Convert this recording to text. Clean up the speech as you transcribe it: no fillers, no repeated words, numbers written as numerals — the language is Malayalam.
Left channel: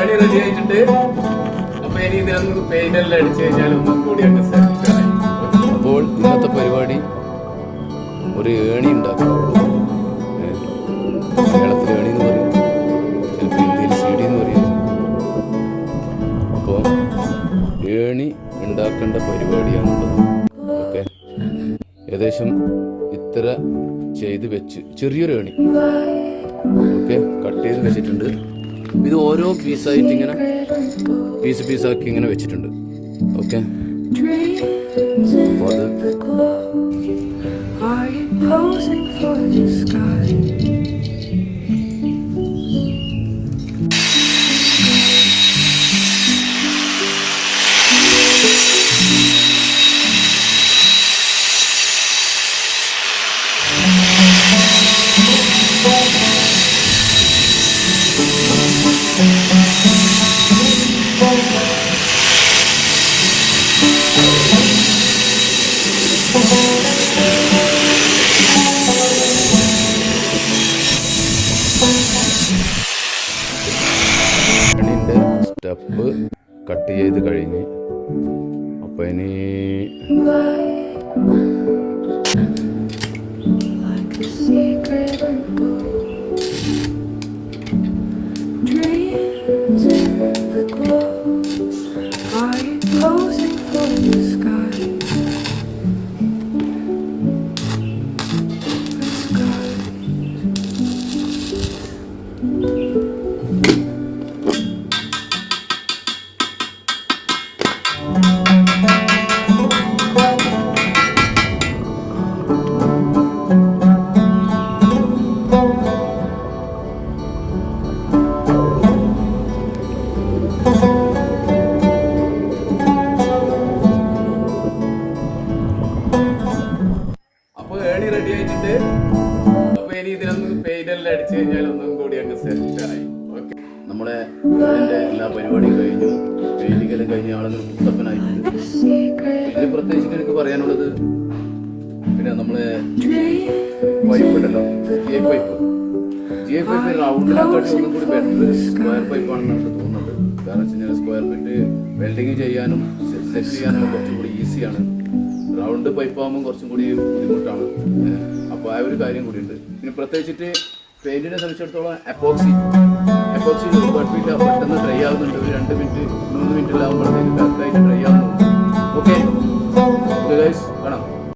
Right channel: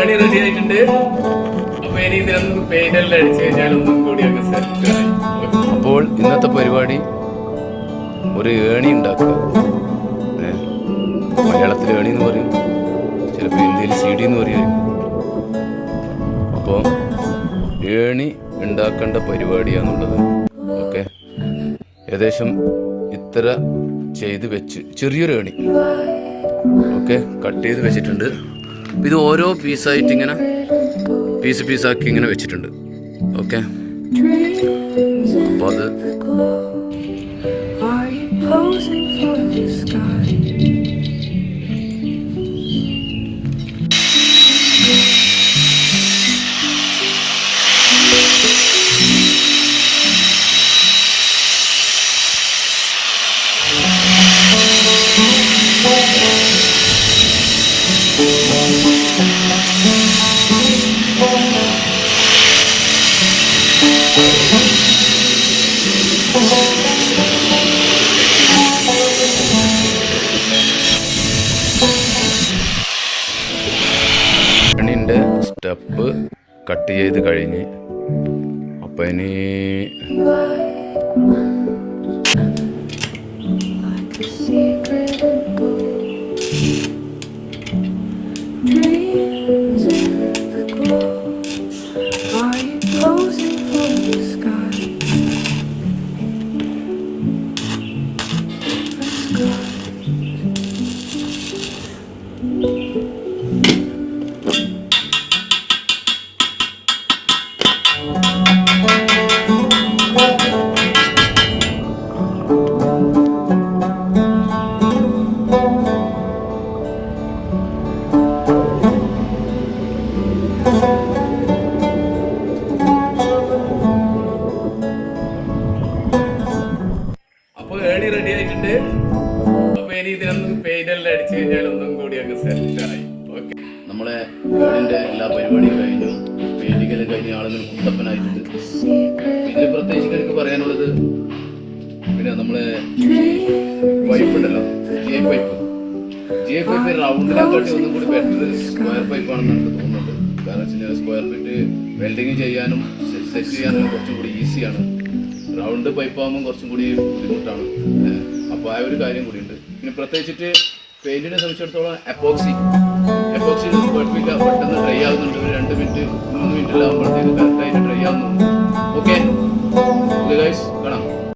ഏണി റെഡി ആയിട്ടുണ്ട്. അപ്പൊ ഇനി ഇതിനൊന്നും പെയിന്റെല്ലാം അടിച്ചു കഴിഞ്ഞാൽ ഒന്നും കൂടി അങ്ങ് സെറ്റ് ആയി. അപ്പോൾ ഇന്നത്തെ പരിപാടി ഒരു ഏണി ഉണ്ടാക്കുക. മലയാളത്തിൽ ഏണി എന്ന് പറയും, ചിലപ്പോൾ ഇന്ത്യയിൽ CD എന്ന് പറയും. അപ്പോൾ ഏണി ഉണ്ടാക്കേണ്ട പരിപാടിയാണുള്ളത്. ഓക്കെ, ഏകദേശം ഇത്ര ചെയ്ത് വെച്ച് ചെറിയൊരു ഏണി ഓക്കെ കട്ട് ചെയ്ത് വെച്ചിട്ടുണ്ട്. ഇത് ഓരോ പീസായിട്ട് ഇങ്ങനെ പീസാക്കി ഇങ്ങനെ വെച്ചിട്ടുണ്ട്. ഓക്കെ, അപ്പോൾ അത് ഏണിൻ്റെ സ്റ്റെപ്പ് കട്ട് ചെയ്ത് കഴിഞ്ഞ് അപ്പം ഇനി ഏണി റെഡി ആയിട്ടുണ്ട്. അപ്പൊ ഇനി ഇതിനൊന്നും പെയിന്റെല്ലാം അടിച്ചു കഴിഞ്ഞാൽ ഒന്നും കൂടി അങ്ങ് സെറ്റ് ആയി. ഓക്കെ, നമ്മളെ ഏണിൻ്റെ എല്ലാ പരിപാടിയും കഴിഞ്ഞു, പെയിന്റിങ്ങെല്ലാം കഴിഞ്ഞ ആളുകൾ കുട്ടപ്പനായിട്ടുണ്ട്. ഇതിൽ പ്രത്യേകിച്ച് എനിക്ക് പറയാനുള്ളത്, പിന്നെ നമ്മളെ പൈപ്പ് ഉണ്ടല്ലോ, GI പൈപ്പ് റൗണ്ടിനെക്കാട്ടി ഒന്നും കൂടി ബെറ്റർ സ്ക്വയർ പൈപ്പാണെന്ന് എനിക്ക് തോന്നുന്നുണ്ട്. കാരണം വെച്ച് കഴിഞ്ഞാൽ സ്ക്വയർ ഫീറ്റ് വെൽഡിങ് ചെയ്യാനും സെറ്റ് ചെയ്യാനും കുറച്ചും കൂടി ഈസിയാണ്. റൗണ്ട് പൈപ്പാകുമ്പോൾ കുറച്ചും കൂടി ബുദ്ധിമുട്ടാണ്. അപ്പോൾ ആ ഒരു കാര്യം കൂടിയുണ്ട്. പിന്നെ പ്രത്യേകിച്ചിട്ട് പെയിൻറ്റിനെ സംബന്ധിച്ചിടത്തോളം എപ്പോക്സി കുഴപ്പമില്ല, പെട്ടെന്ന് ഡ്രൈ ആവുന്നുണ്ട്. ഒരു 2 മിനിറ്റ് 3 മിനിറ്റിലാകുമ്പോഴത്തേക്ക് കറക്റ്റായിട്ട് ഡ്രൈ ആവുന്നുണ്ട്. ഓക്കെ ഗൈസ്, കാണാം.